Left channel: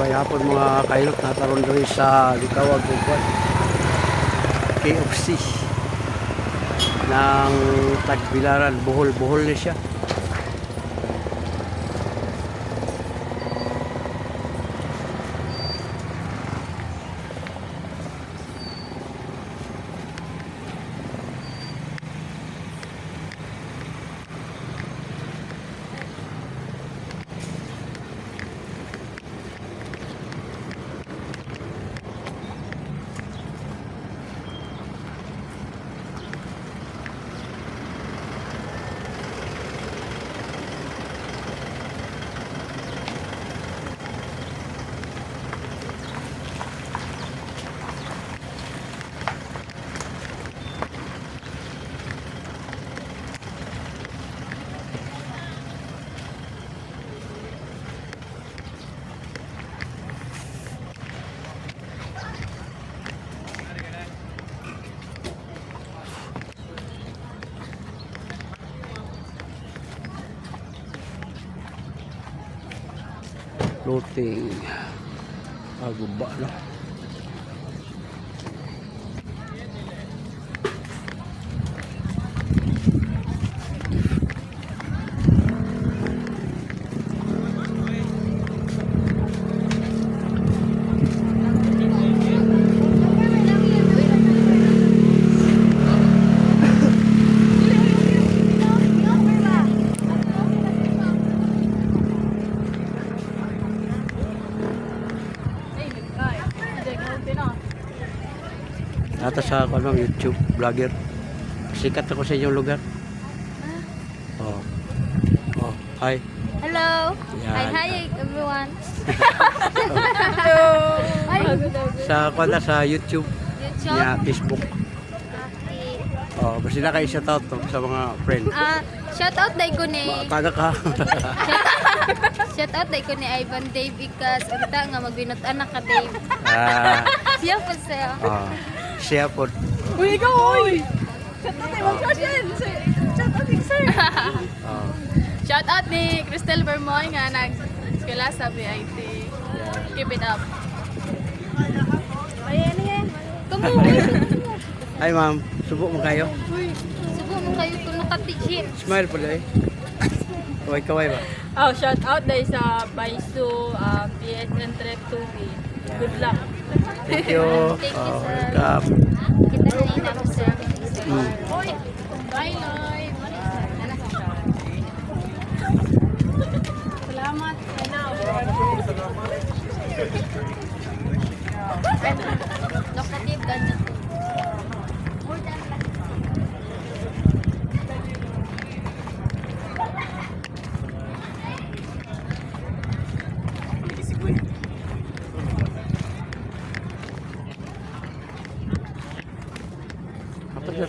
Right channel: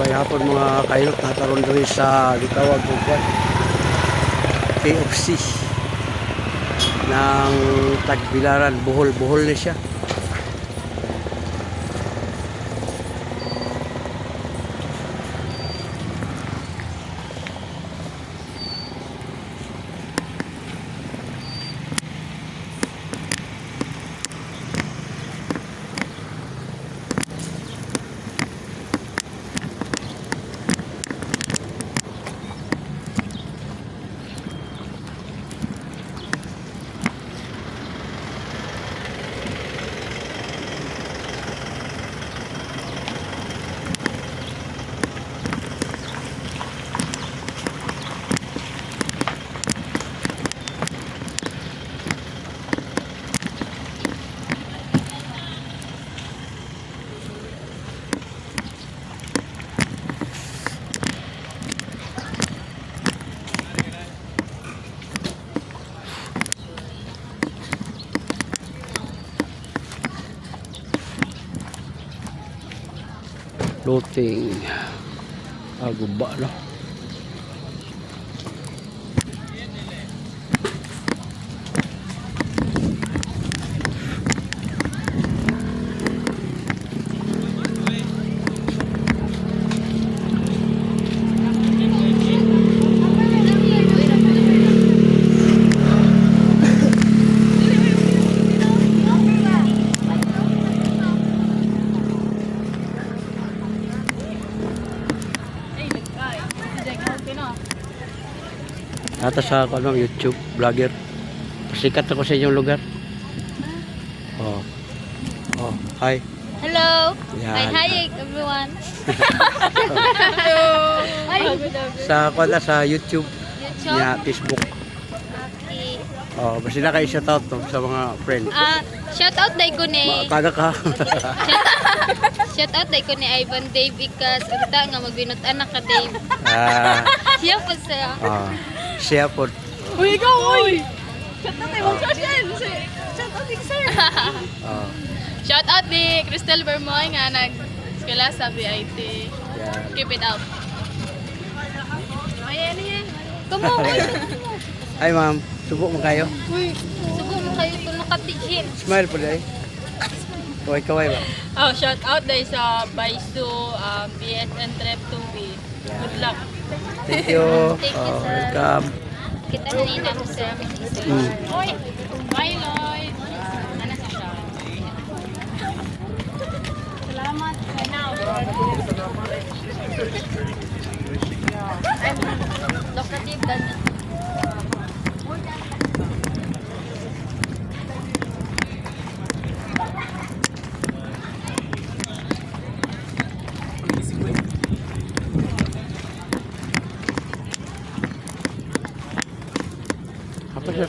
May hapon mga kailot na taron doon sa litawag kong kwan KFC ng Tagbilaran, Bohol na siya. Lote aguba na. Ata sa kanang YouTube vlogger. Sikat ako sa inyong lugar. Oh. Oh, hi. Hello. Yan. Hi everyone. Hi. Sa YouTube, niya Facebook. Okay. Oh, basta na kayo shout out to sa mga friends. Shout out dai ko ni. Taga ka. Shout out dai ko ni Ivan Dave Ikas. Unta nga magbinutan na ka Dave. Siya po siya. Siya po. Uy, ikaw uy. Shout out kay Ma'am Shout out kay sir. Shout out ni Cristel Bermoy nga nag-eskwela sa BIT. Keep it up. Ayan yan. Kamu, uy. Ay ma'am, subo mo kayo? Uy, subo mo kayo kung nakatichin. Smile po dahil. Kaway ba? Oh, shout out dahil sa Baisu, BSN Trip 2B. Good luck. Thank you. Thank you, sir. Welcome. Kita kanina mo sir. Uy, Bye, Lloyd. Ano sa siya? Salamat. locative ganyan. Apa sir?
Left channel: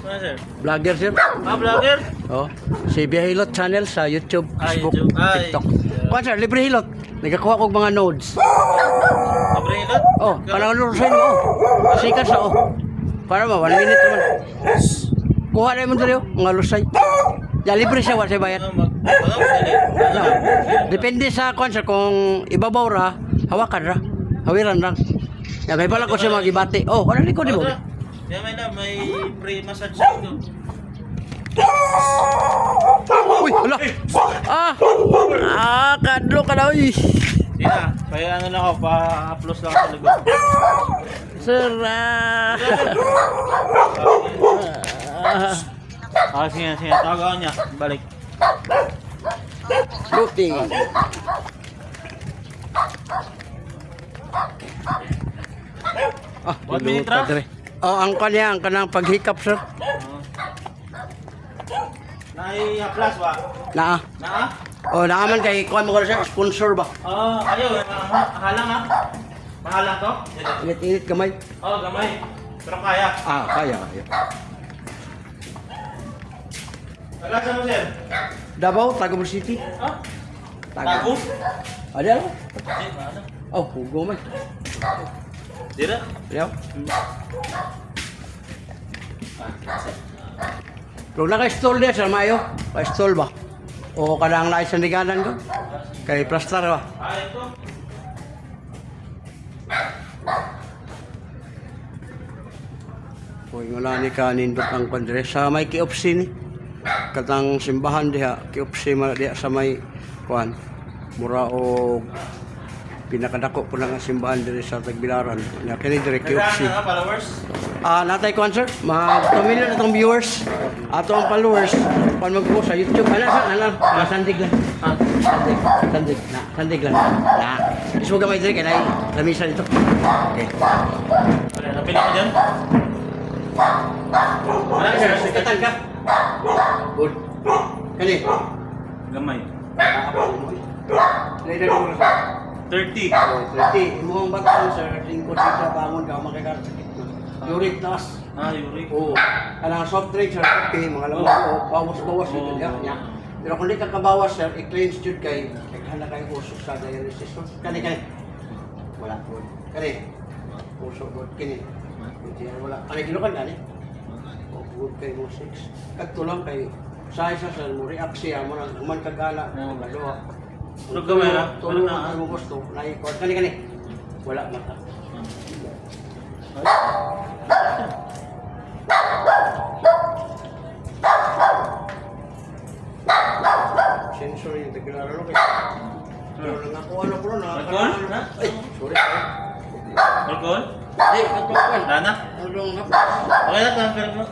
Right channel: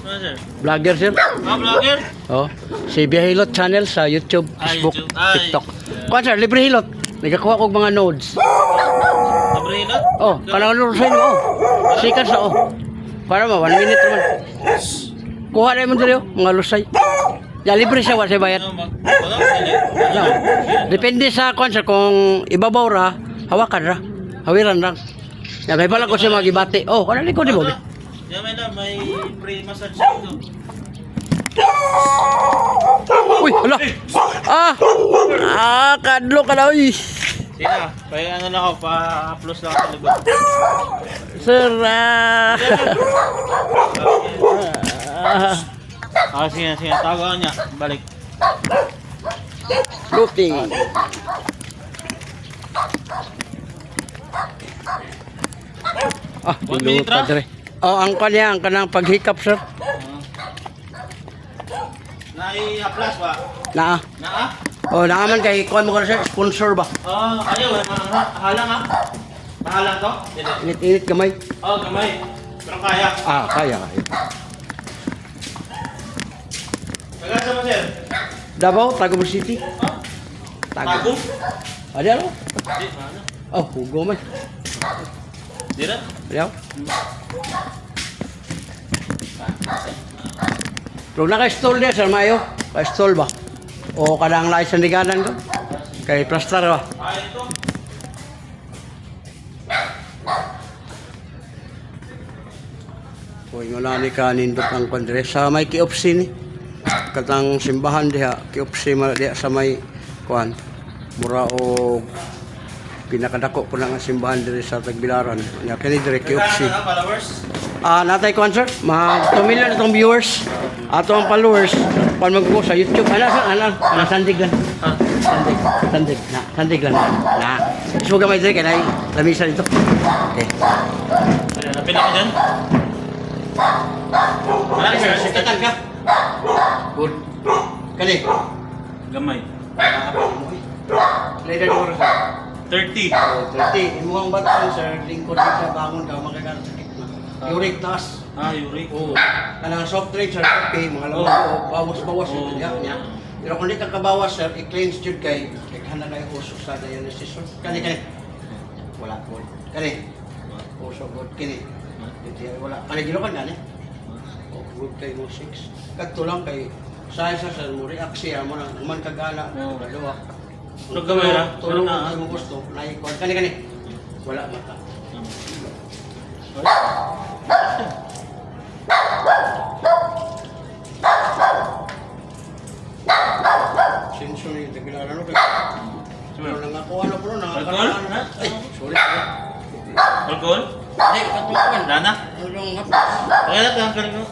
Ano sir? Vlogger sir? Vlogger? Oh, si Bihilot channel sa YouTube, Facebook, YouTube. Ay, TikTok. yeah. Kuha sir, libre hilot. Nagakuha ko mga nodes. Nabrihilot? Oh, panalo sa inyo. Oh. Sikat sa oh. Para ma 1 minute naman. Kuha na mo dito mga lusay. Ya libre siya wala bayad. No. Depende sa kuan sir kung ibabaw ra, hawakan ra. Hawiran ra. Ya kay pala ko siya magibati. Oh, ano ni ko di mo? Yeah, may free massage dito. Uy, hala. Kadlo ka na uy. Sina, ano lang ako, pa-upload lang ako sa likod. Sir, Sige, tawagan niya, balik. Buti. One minute ra? Oh, ang kanya, ang kanang paghikap sir. Nai-applause ba? Naa. Naa? Oh, naaman kay kuan mo ka sir, sponsor ba? Ayaw, halang ha? Mahalang to? Init-init kamay. Gamay. Pero kaya. Kaya. Nagasa mo sir? Davao, Tagum City. Tago? Ada ano? Di, paano? Oh, hugo man. Dira? Ya. Kung naka-stall dia sa mayo, pa-stall ba? O kadang lain sandiganan ko? Kay plastar ba? Ito. Inguna ni ka nindot ang kondre sa may kiopsi ni. Katang simbahan diha, kiopsi man diha sa may kuan. Mura og pinakadako po nga simbahan diri sa Tagbilaran. Nya kini dire kiopsi. Followers? Natay ko sir, mga 2 million itong viewers. Ato ang followers, pag mag-go sa YouTube, sandig lang. Sandig lang. Suga may dire, kaya lamisa dito. Okay. Napili ko dyan? Wala sir, Sikatan ka. Good. Kani? Gamay. Later mo sir. 30. 30. Mukhang batang sir, lingkod ka, bangon ka, magkakaroon sakit mo. Uric taas. Uric. Oo. Kanang soft drink sir, okay, mga lamang bawas-bawas yung niya. Pero kung di ka kabawas sir, i-cleanse yun kay handa kayo usok sa dialysis. Kani. Wala po. Kani. Usok po. Kini. Wala. Kani gilokan gani. Good kay mo 6. Kadto lang kay size sa sir mo react siya mo nang man kagala. Dalawa. Nagkamera. Tulong na mo gusto. Naikuan. Kani. Wala mata. Sensor yung Tagbilaran no kay. Pero nangakuha na po Alcohol? Ay, sorry. Alcohol? Ay, katuan. Dana? Ano nga? Okay na, tanggal ko.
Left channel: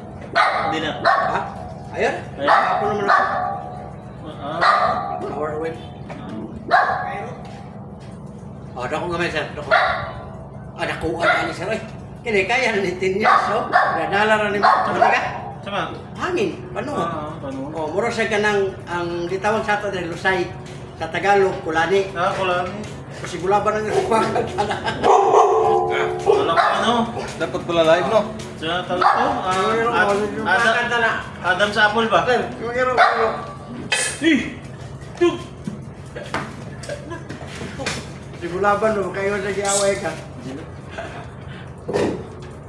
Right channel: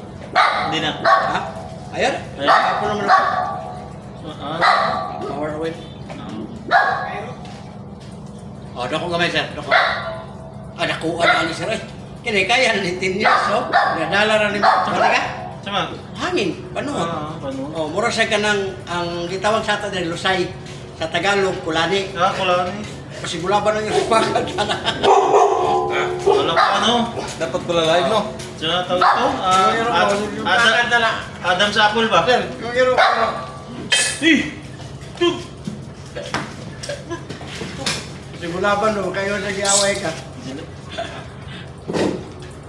Hindi na. Ha? Ayun? Ako naman ako. Ah. Hour away. Dako gamay sir, dako. Dako ani sir ay. Kini kaya ni 10 years so. Nadala ra ni balik ka. Sama? Hangin, panuhot. Panuhot. Mura siya kanang ang gitawag sa ato diri Lusay sa Tagalog kulani. Kulani. Kasi bulaban ang ipakat na. Wala ka Dapat pala live, no? Diyan tawag ito. Adam sa Apple ba? Sir, yung iro. Si bulaban no kayo sa giaway ka.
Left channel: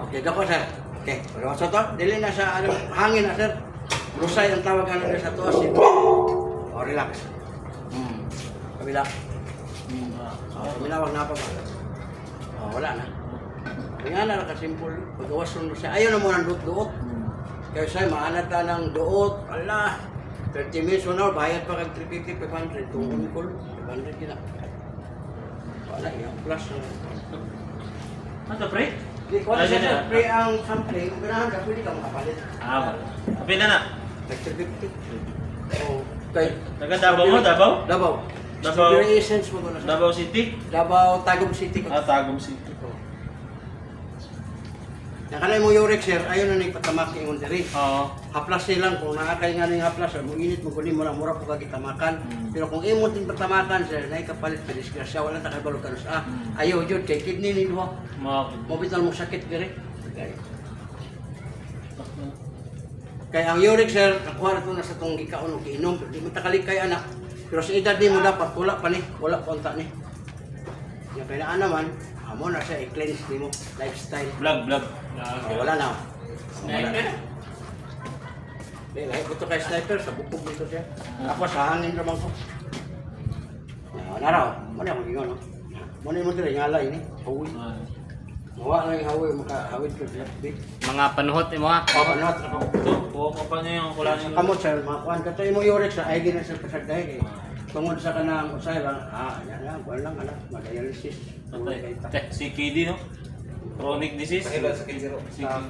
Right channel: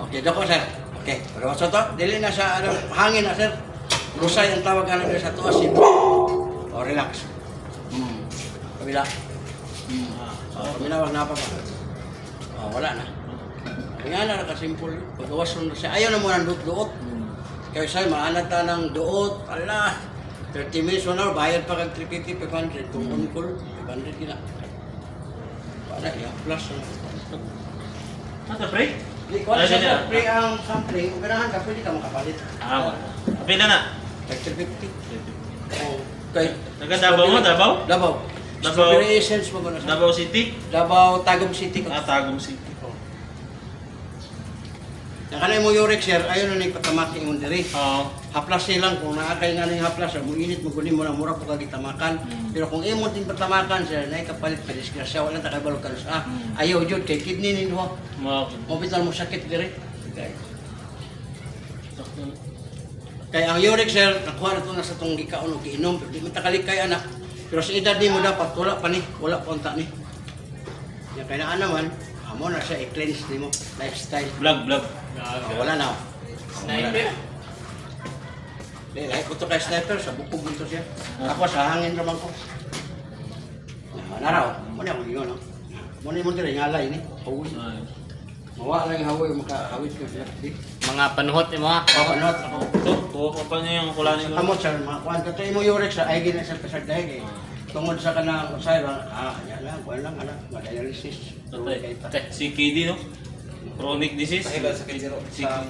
Okay, dako sir. Okay, pero sa to, dili na sa hangin na sir. Lusay ang tawag kanang sa to asin. Relax. Kabila. Kabila wag na pa ba. Wala na. Kaya na nakasimple. Pagawas nun siya. Ayaw na mo ng duot-duot. Kaya sa'yo, maanat na ng duot. Ala, 30 minutes, 1 hour, bayad pa kag 350, 500. Kung on-call, 500 gina. Wala, yung plus. Ano, pre? Di ko na siya, sir. Pre ang sampling. Kung ganahan ka, pwede ka makapalit. Pila na? Like 350. Oo. Okay. Taga Davao mo, Davao? Davao. Davao. Strawberry essence mo ko na sa. Davao City? Davao, Tagum City. Tagum City. Yang kanay mo Yurex sir, ayaw na nagpatamaki yung diri. Oo. Haplas silang kung nakakay nga ng haplas, mo init mo kunin mo na mura po kagitamakan. Pero kung imong ting patamakan sir, nay kapalit ka disgrasya wala ta kabalo ka sa. Ayaw jud kay kidney ninyo. Mo bital mo sakit diri. Kay ang Yurex sir, nakuha na to na sa tong gikaon og giinom, pero di mo takalik kay anak. Pero sa edad nimo dapat wala pa ni, wala pa unta ni. Ya kay naa naman, amo na siya i-cleanse nimo lifestyle. Vlog. Wala na. Sniper? Lahat ko to kay sniper, sa bukog mo to siya. Ako sa hangin naman ko. Naraw, muna ako yun, no? Muna mo dire, ngalay ni, hawi. Mawa na yung hawi, makahawid ko siya. Mga panuhot mo ha. Panot ako. Tuwa ko pa niyo yung kulani Sa kamot, sir, makakuhan ka to, imo Yurex, ay gina sa pasagdahin eh. Tungod sa kanang usay bang, yan lang, kuhan lang, dialysis. Si KD, no? Chronic disease? Sa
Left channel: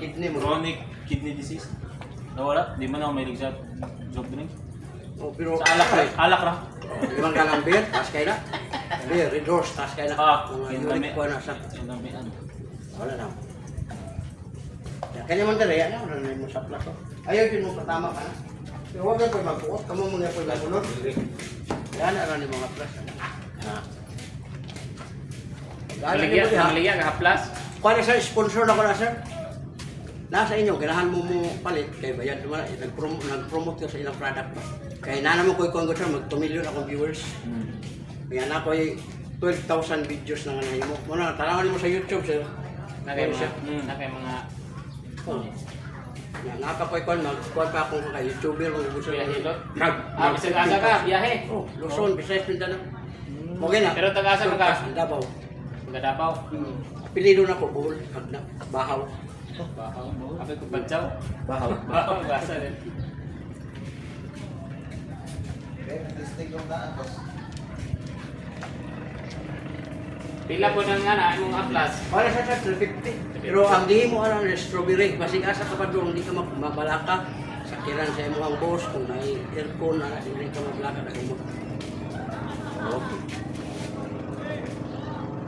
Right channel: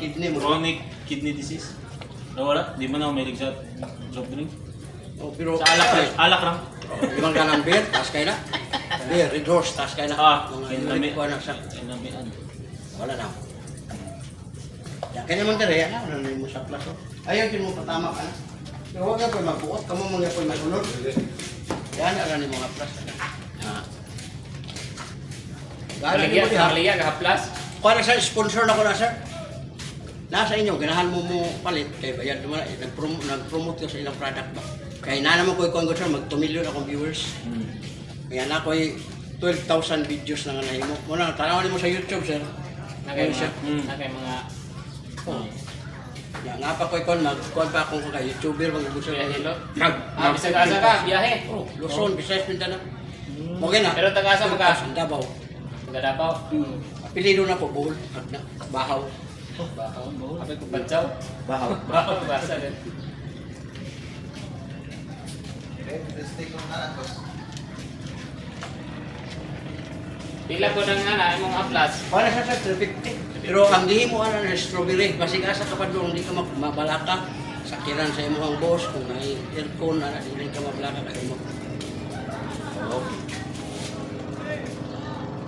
kidney mo. Chronic kidney disease. Nawala? Di man ako may sa soft drink? Oh, pero Sa alak lang. Alak lang. Limang ka ng beer, taas kayo na. Beer, Red Horse, taas kayo na. Mga Yurex ko na sa. Wala na. Ya, kanya man dere, ano na mo sa plato. Ayaw din mo patama ka na. Pero huwag ka po magbuot, kamo mga po magunod. Yan, ano ni mga plus. Maligyan, haplas. Kuha na sa sponsor na ko na sir. Nasa inyo, ganahan mo palit. Kaya bayad naman, nag-promote ka sa ilang product ba. Kaya na naman ko yung sir, mag 2 million akong viewers. Kaya na ko 12,000 videos na nga nahimo. Muna, tanawan mo sa YouTube sir. Nakay mga Nga pa ko ikon, mag-kuhan pa akong kay YouTuber, mga gusto biyahe lo. Nag- Bisag-asa ka, biyahe. Oh, Luzon, Visayas, Mindanao. Okay na. Pero taga-asa mo ka? Davao. Gadapaw. Apelido na ko, Bohol, Hagna, Bahaw. Bahaw. Abi ko badyaw. Bahaw. Bahaw, basa din. Pila po nang nga imong aplas. Para sa 350. Pero ang dihi mo ana na strawberry, basig asa ka pa doon, hindi ka mabalaka. Sakiran sa imong boss kung may aircon ana dili ka mabalaka kay mo. Okay.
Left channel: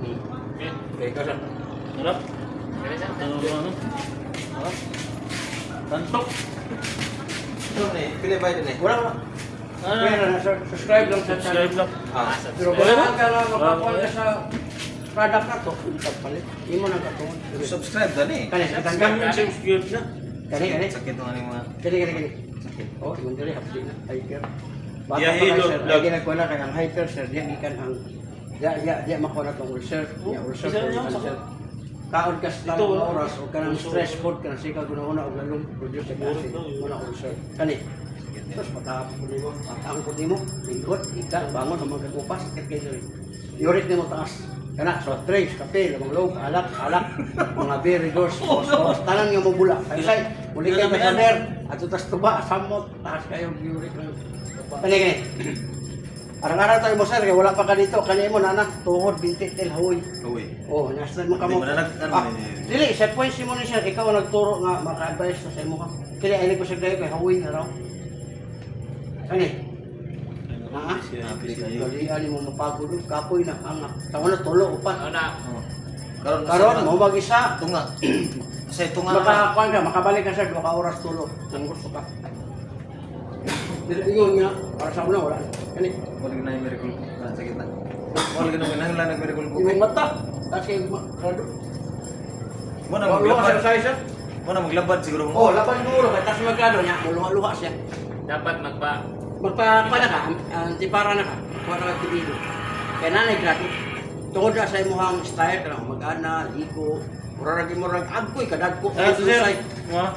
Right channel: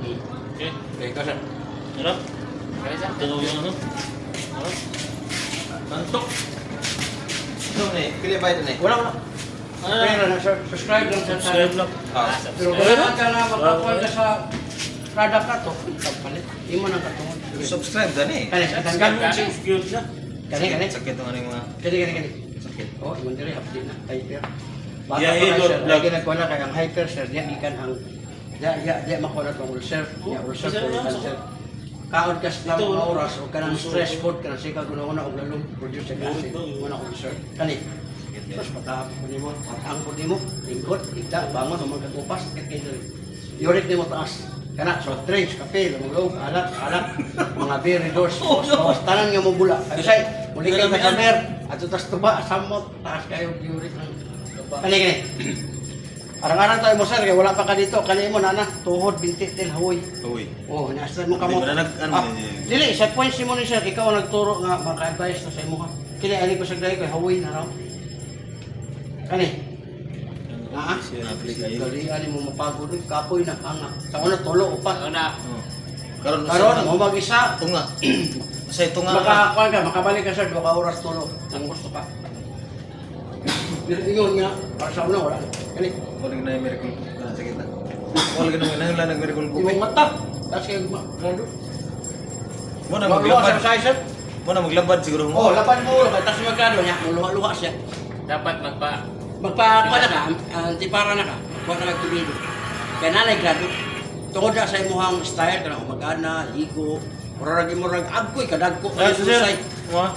Okay. Okay, kasar. Harap. Kaya sa. Ito yung ano. Harap. Tantok. Wala wala. Pero na subscribe lang sa Subscribe lang. Pero wala ka na makakuha sa product na to, palit. Hindi mo nang katungan. Subscribe gani. Kani, tanggal mo si skills na. Kani. Sakit ang ano mga Kani. Oh, imong diri update na hyper. Bata Yeah, pa hilot sir, vlog. lagi nagkuha na kay ang hyper sir, diya gikan ang diya makuha na tong ulcer, diya ulcer isa ko na yan, cancer. Kaon ka sa Ito, mga oras o kanang stress food kanang sika guna-una og lalong produce sa klase. Una ulcer. Kani. Tapos matapos ko nimo, patangkod nimo, lingkod, igda, bangon, humagkatupas, kay uric nimo taas. Kana, soft drinks, kape, lamang log, alak, mga beer, redoors, tanan nga mo bula. Ay, say, muli kayo sa mer, at tas tuba, samot, taas kayo, uric ng... Kani. Arang-arang tayo mo sir, kaya wala pa ka dito, kani mo nana, tuhod, binti, til, hawoy. Uy. Oh, nasa mo ka mo. Hindi ba na ano ni- Dili, set points mo ni sir, ikaw ang nagturo nga, maka-advise na sa imo ka. Kaya alig ko sa dahi ko, hawoy na raw. Kani. Ha? Dali mo mapagod kapoy na hanga. Sa una tulo upat. Una. Karon mo mag-isa. tunga. Sa tunga. Makakuan ka, makabalik ka sa 2 ka oras tulo. Ang gusto ka. Pero ingon nga, para sa una wala. Kani. Wala na yung miracle na sakit na. Wala na nang lang miracle ko. Imong mata. Tapos kayo grado. Mo na Luha sa maglabad. size. Mo na maglabad siguro mo. Oh, lapad mo ulo kay tapos magkado niya, luha siya. Dapat Magpakuha na ka, antipara na ka. Kuha na ka kulido. Kaya nanay grado. Tungod na sa imong style kanang umagana, ligo, murag imurag agkoy kadagko Ay, sir. susay. Mga.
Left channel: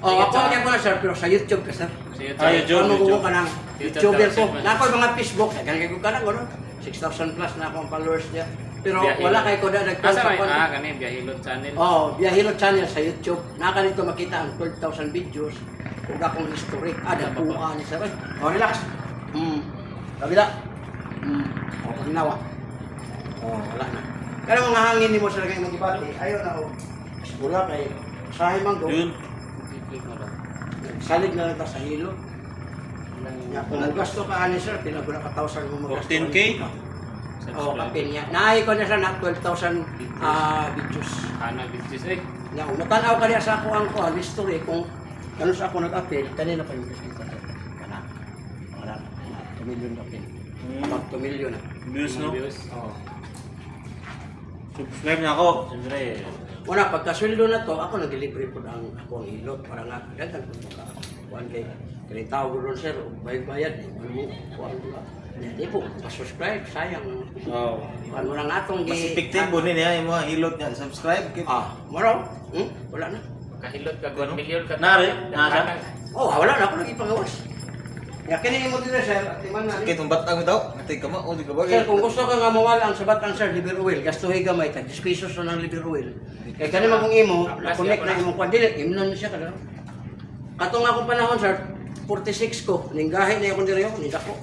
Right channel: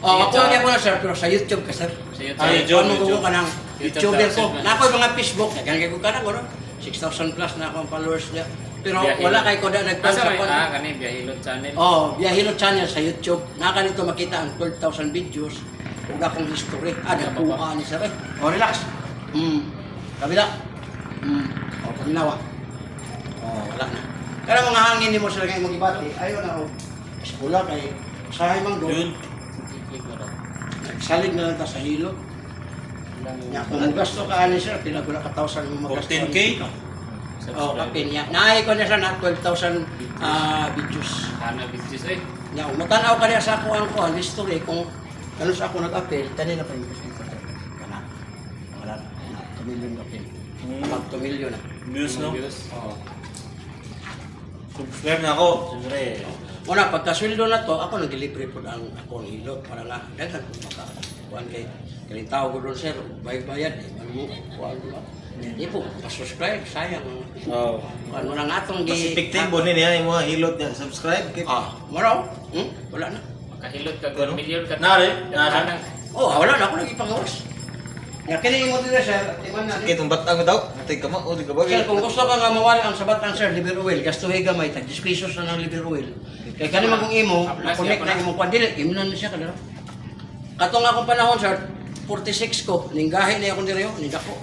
Oh, ako lagi mo na sir, pero sa YouTube ka sir. sa YouTube. Ay, YouTube. Ano ko ka ng YouTube YouTuber daw, ko. sir. Na ako yung mga Facebook, kaya ko ka ng ano, 6,000 plus na ako ang followers niya. Pero Biyahilot. wala kay ko na Asa nagpasa may ko. kani Biyahilot channel. Oh, Biyahilot channel sa YouTube. Naka dito makita ang 12,000 videos. Ug akong history. Nagkuha ni sir. Oh, relax. Kabila. Oh, ginawa. Oh, wala na. Pero mga hangin ni mo sila ngayon mag-ibati. Ayaw na, oh. Pula kay sahay mang Yun. Click mo daw. Salig na lang ta sa hilo. Nya kung gasto ka ani sir, pila gula ka 1,000 mo magasto. 14K? Oh, kapin niya. Naay ko na siya na 12,000 videos. Ana videos eh. Nya kung matanaw ka niya sa ako ang history kung ano sa ako nag-appeal, kanina pa yung kita sir. Kana. Wala na. 2 million appeal. Mag 2 million na. Views, no? Views. Oo. Subscribe na ako. Siyempre. Una, pagkasweldo na to, ako nag-delivery po ang ako ang hilot para nga daghan po maka kuan kay kay tao ko doon sir, bayad ano mo kuan ba. Hindi po, pa-subscribe, sayang. Oh. Kuan mo nang atong Mas epektibo ni niya yung mga hilot niya. Subscribe kay. Maraw? Wala na. Kahilot ka 1 million ka. Nari, nasa? Oh, wala na ako nag-ipagawas. Ya kini mo dire sir, timan na. Sakit ang batang mo daw. Tay ka mo o di ka ba? Sir, kung gusto ka nga mawala ang sabat ang sir, liver oil, gastuhin gamay, tag 10 pesos na ng liver oil. Kaya kani magong imo, na-connect na imong kwan, dili, imo na siya kada. Katong akong panahon sir, 46 ko, ninggahi na akong diri, nindako.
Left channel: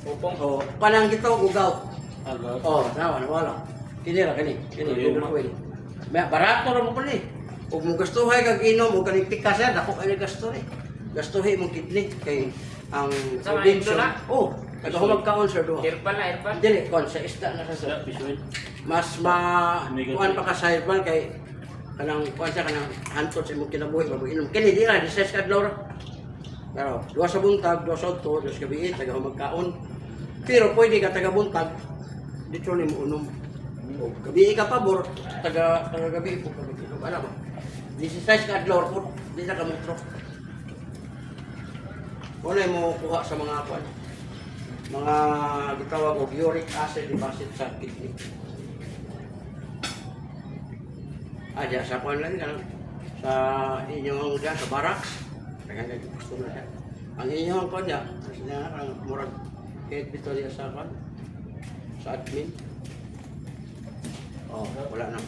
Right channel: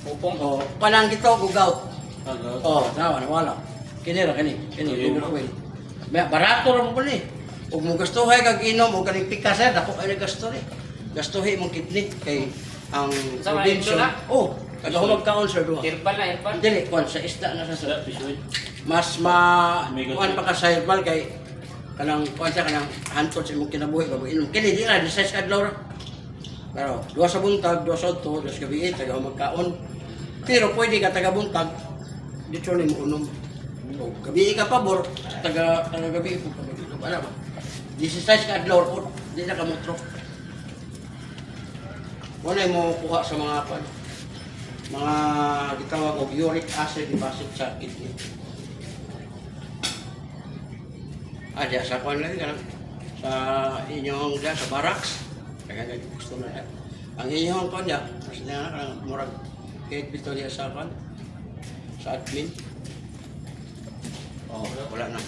Pupong. Oh, panang gito, gugaw. Hello. Oh, nawa, nawala. Kini ra, kini liver oil. Barato ra mo ko ni. Ug mo gastuhay kag inom o kaning pika sir, dako kay gasto ni. Gastuhin mong kidney kay ang Sa mga probinsya. ito na? Oh, kada humagkaon sir duha. Herbal na herbal. Dili, kwan sa isda na sa sir. Fish oil. Mas kuan pa ka sa herbal kay kanang kuan siya kanang hantod sa imong kinabuhi bago inom. Kini di ra 16 ka adlaw ra. Pero duha sa buntag, duha sa udto, duha sa gabi taga humagkaon. Pero pwede ka taga buntag dito ni mo unom. O gabi ka pabor, taga gabi po ka gabi. Wala ba? 16 ka adlaw ra di na ka mutro. Wala mo kuha sa mga kuan. Mga gitawag og uric acid deposit sa kidney. Diya sa kuan lagi kanang sa inyong diya sa barracks. Kaya gusto na diya. Ang inyong kuan diya, kasi na kanang murag kahit bito diya sa kuan sa admin. Oh, wala na.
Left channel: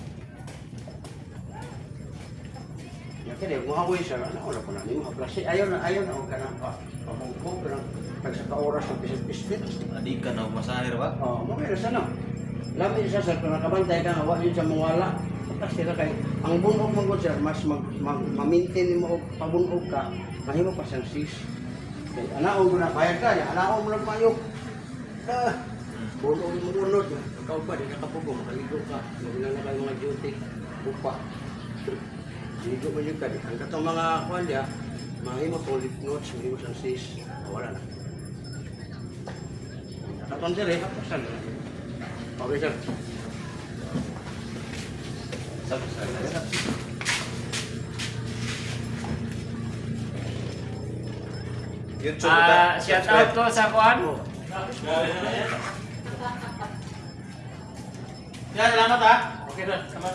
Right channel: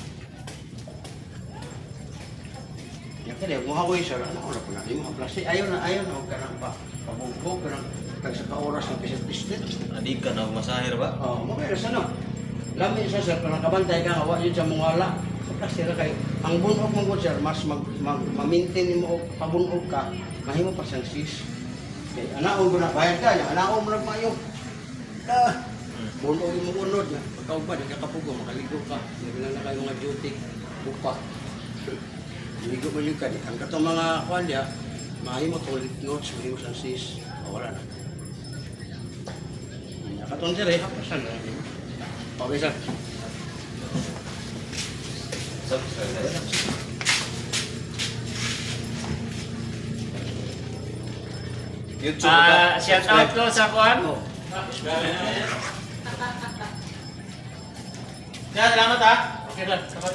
Ya kaya mo ako isa na wala pa na mo haplas. Ayaw na og kanang pabungko kanang tagsa ka oras ng pisit-pisit. Adi ka na masahir ba? Oh, mo kaya sa no. Lami sa sir kung nakabantay ka nga wa yun sa mga wala. Kasi kay ang bunog mo gud sir mas ma-maintain mo og pabunog ka, mahimo pa siyang sis. Kay anaon mo na bayad ka, anaon mo nagmayo. Bunog mo unod na. Pagka ba di ka kapugo makaligo ka. Labi na kayo mga duty upa. Ligo mo yung kadi. Ang katong mga kuan dia, mahimo toilet notes, mahimo siyang sis. Wala na. Katong sir hapasan. Okay sir. YouTube ka. Shout out ko sa kuan. Yan, salamat ha. Okay na, salamat.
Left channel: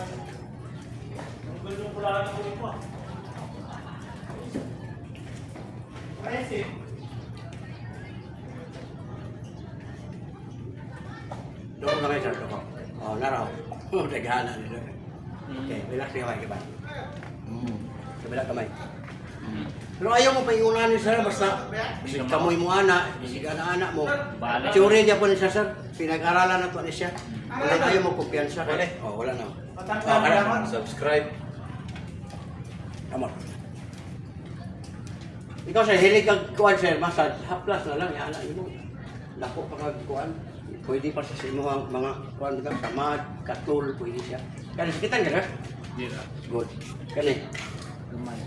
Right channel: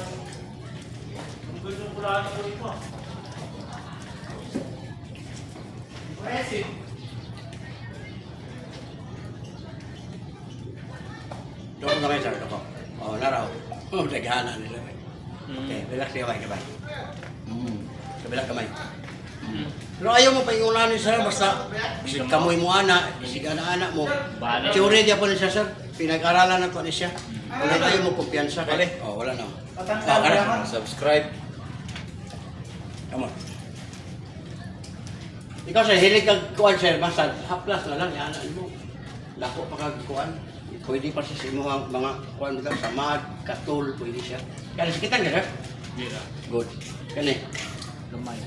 Doko kami sir, doko. Oh, naraw. Oh, dagana nila. Okay, relax ka kamay. Kabila kamay. Pero ayaw mo pa ingunahan ni sir, basta bisig kamoy mo ana, bisig ana mo. Tsuri dia po ni siya sir, pinag-aralan na to ni siya. Wala ayaw mo kumpiyansa kay. Oh, wala na. Oh, kana. Subscribe. Come on. Ikaw sir, hilig kag kuan sir, basta haplas na lang yan. Lako pa kag kuan. Pwede pa sa imo mga kuan bitaw samad, katul, pwede siya. Kani sakitan ka sir? Good. Kani. Lumay.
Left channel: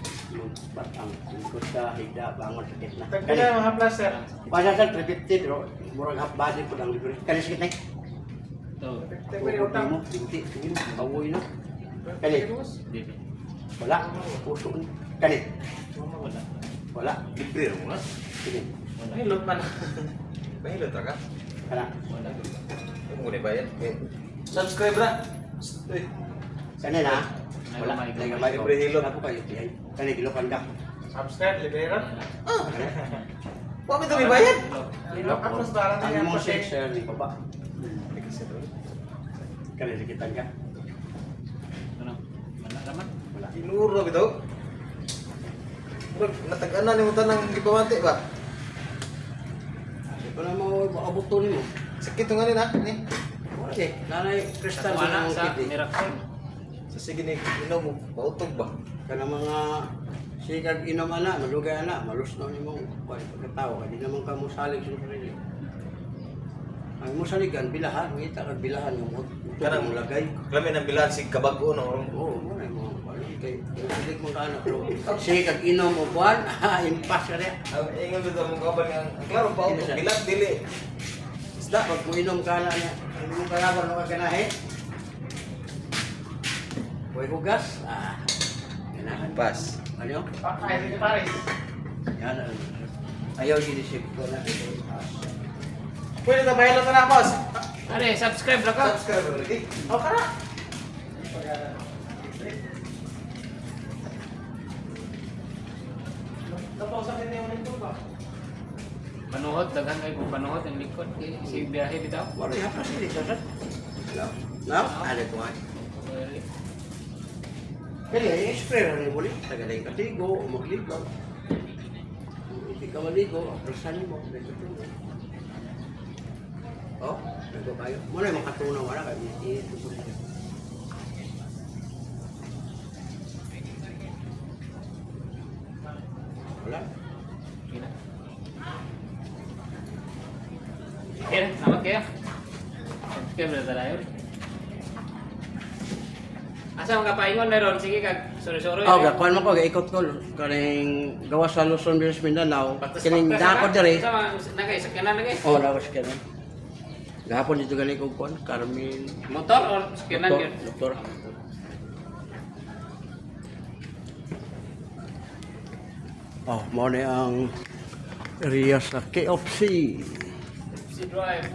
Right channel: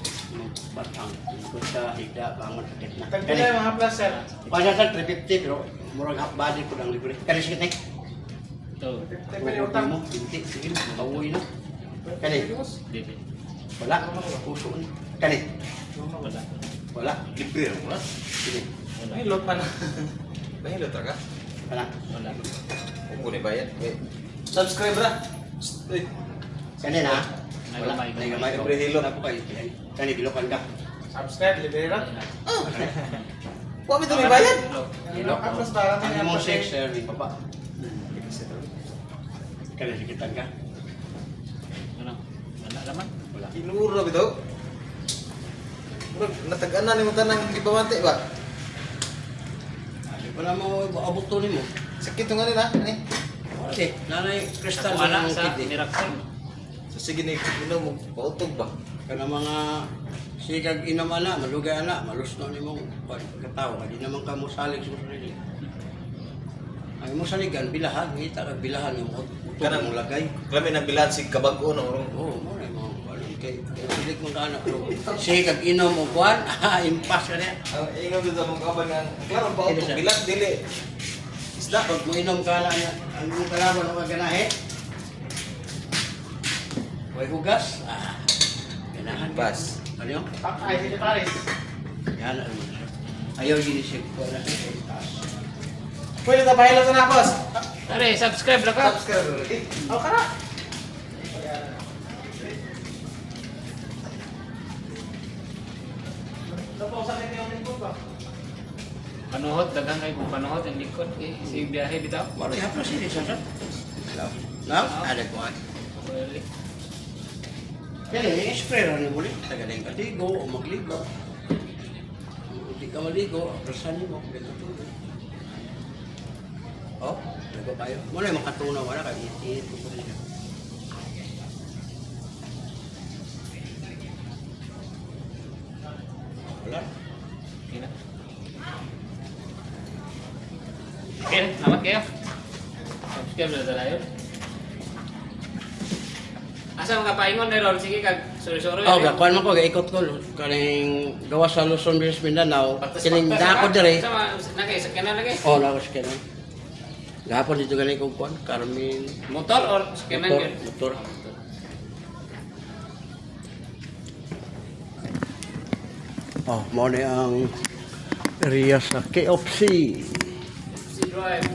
Batang, ikot ka, higda, bangon, sakit na. Tagpila yung mga plus, sir. Pasa sa 350, pero murag half body ko lang libre. Kani sakit na. Ito. Tagpila yung utang. mo, binti, sige, kawoy na. Kani, Dito. wala, puso na. Kani, Wala. wala, Libre mo na. sige, Mahilot pa na. Mahilot ra ka. kana. Wala. Kung mo ni bayad. Subscribe ra. Uy. Kani na, wala, Ay, gamay. nagamay ko. Libre hilot. Ako kayo, tihay. Kani, bilokan ka. Subscribe, libre rin. Wa mi to ni bayad. Tapos parang Ang mo sex, sir, di pa ba? Kani, sakitan ka. Ano? Wala naman. Wala. Inuro bitaw. Natag-ana ni mo tanang gibawante ba? Di pa naman abot to ni mo. Sakit nga ni na. Ani. Okay, nanay kristal Ako na ana ang sa kidney. Miracle. So sige ni inom mo pautog ba? Kana mga sikag inom ana, malugay ana, malusno nimong pagkatao, di naman ka mo salig sa sarili. Ay mo saligan bilahan, ngita kag bilahan yung Kanang mo lagay. Klami nang bilan si kabag-o no. Oo, mo na mo balo kay silig mo kana pero sikag inom mo kuan, impas ka niya. Ang ingon dito mong kaban nga klaro pautog bilan dili. Isda pag mo inom ka na ang mo kalaban mo kaganahe. Way hugas. Ganahan. Pas. Ano yun? Ay, secretary. Yan ano. Ayaw ginisip ko na. Pwede na bahilot na boss. Are, subscribe ra ka. Subscribe lagi. O, kara. Tapos sa kanya yung lingkod ba? Panuhot, dagan kay kung panuhot ang likod. Eh, si biyahe bitaw. Wala haplas ini sa sat. Now, ada ko ay. Kaya spray ra ni mo ni tagaling katigo o magligo. Hindi ka maligo, aprasan mo, dito tulo. Oh, ligo kayo. Mo na makatunaw wala kay itit ko niya. Wala. Okay, salamat kayo. Subscribe na tayo. Asa mga paingon na ron? Sige kag sorry-sorry. Oh, gakuan mo ko gaikot ko kaning gawas sa Luzon, Visayas, Mindanao. Kining dako dire. Sama nagay sakyanan lagi. Oh, lawas ka na. Gahapon dito galing kong kuan, Carmen. Motor or sakyanan Motor, yun? motor. Oh, mo na ang area sa KFC. Si Drive.